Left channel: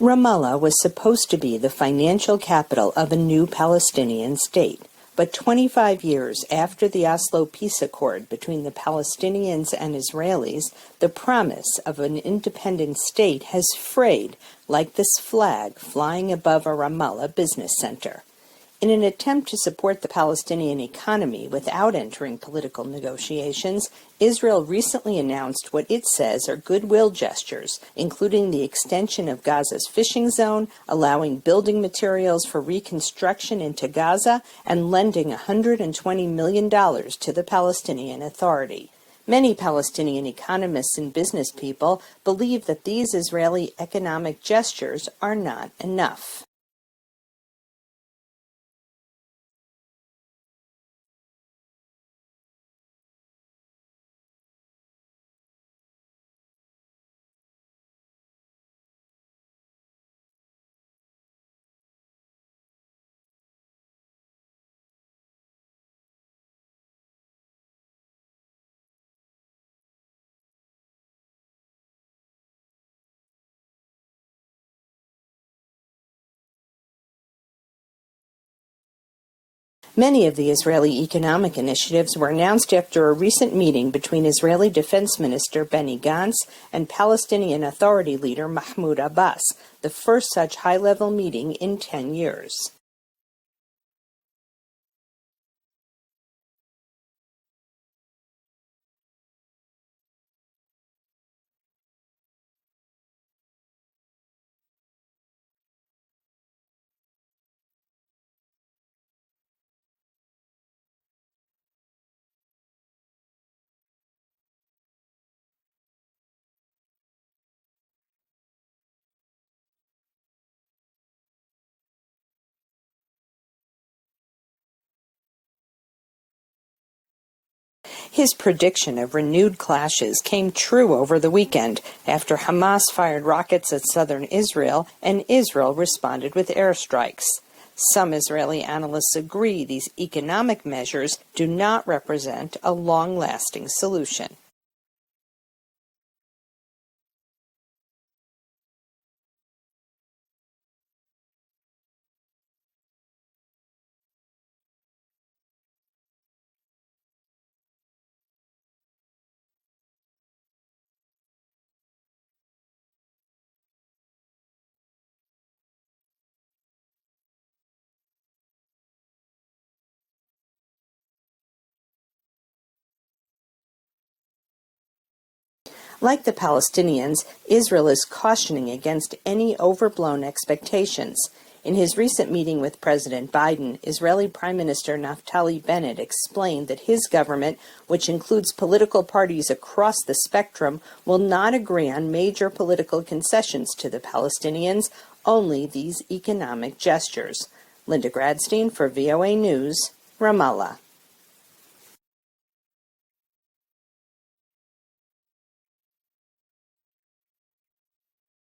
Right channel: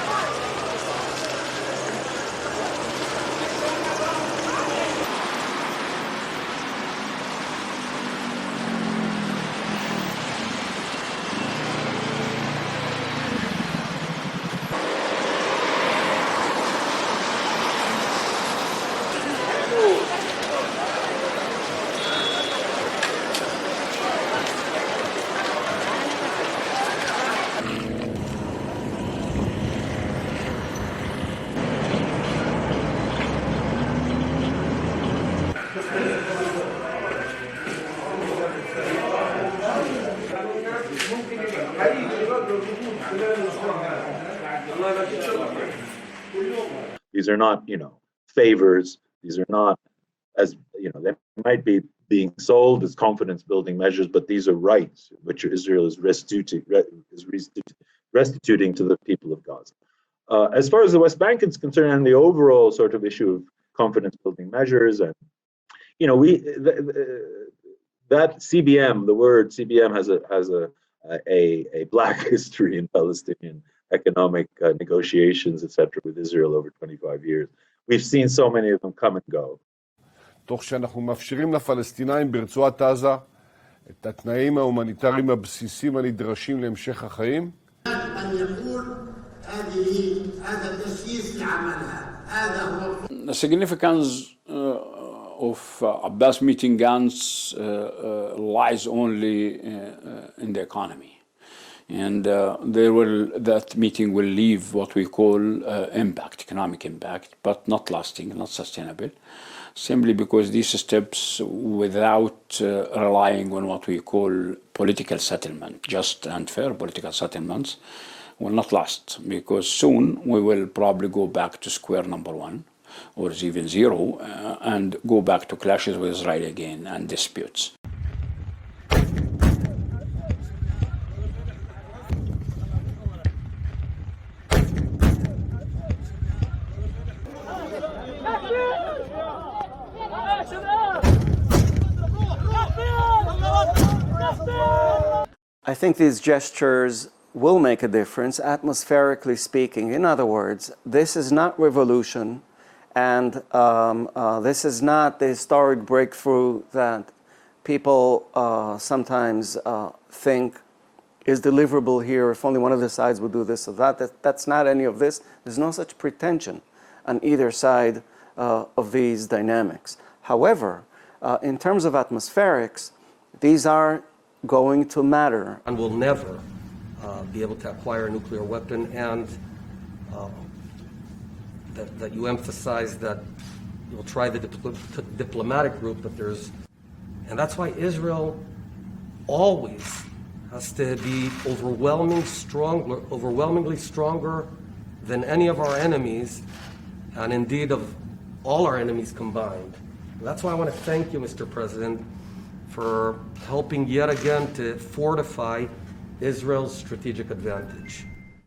Ramallah was supposed to be the financial capital of a new Palestinian state, but 25 years after the Oslo Peace Accord between the Palestinians and Israelis, the promise of an independent state has frayed like this flag flying above a Ramallah business center. In an attempt to support the Palestinian economy without entering political negotiations, Israel recently announced what it says are goodwill gestures, including the extension of Gaza's fishing zone, allowing building materials for reconstruction into Gaza, and lending $120 million to the Palestinian Authority. Many Palestinian economists and business people believe that these Israeli economic gestures are not enough. These are not, favors. These are not, as they might be being sold as confidence-building measures, but these are rights which Israel is restituting to the people of Gaza. As far as the West Bank is concerned, and the overall sort of issue of confidence-building measures, and that CBM, the word CBM has a black history in Palestinian economic negotiations, etc., with Israel over 25 years. We've seen so many of them come and go. Many of the Israeli economic initiatives were announced after a recent meeting between Israeli Defense Minister Benny Gantz and Palestinian Authority leader Mahmoud Abbas, the first such high-level meeting in 10 years. The significance of Abbas meeting Gantz lies only in the economy. And that meeting will leave what we call economic impact, but not lasting, not sustainable, simply because these steps, without relying on what we call political settlement, just and fair political settlements, will not last, because soon we will probably go back to square number one, or even zero, and go back to clashes with Israel again and disputes. His prediction of renewed clashes came true over the weekend after Hamas fired rockets at southern Israel and Israel responded with airstrikes. Some Israeli analysts agree these economic measures do not represent a long-lasting solution. I think these gestures will make a difference, atmospherically speaking. In other words, this is not revolution, and this is not the historic breakthrough that people sometimes think is deliverable here if only one of the sides would do this or that. That's not any of this. There's no such pretension on either side of these dynamics. However, in terms of atmospherics, these are going to matter. Like the Palestinians, Israel is cautioning against any overblown expectations. In his recent meeting with President Biden, Israeli Prime Minister Naftali Bennett explained that his government, which includes political parties across the spectrum, will not agree on major political concessions to the Palestinians, only these economic gestures. Linda Gradstein for VOA News, Ramallah. Thank you, Mr. President, for helping yet again to fortify Israel's strategic advantage.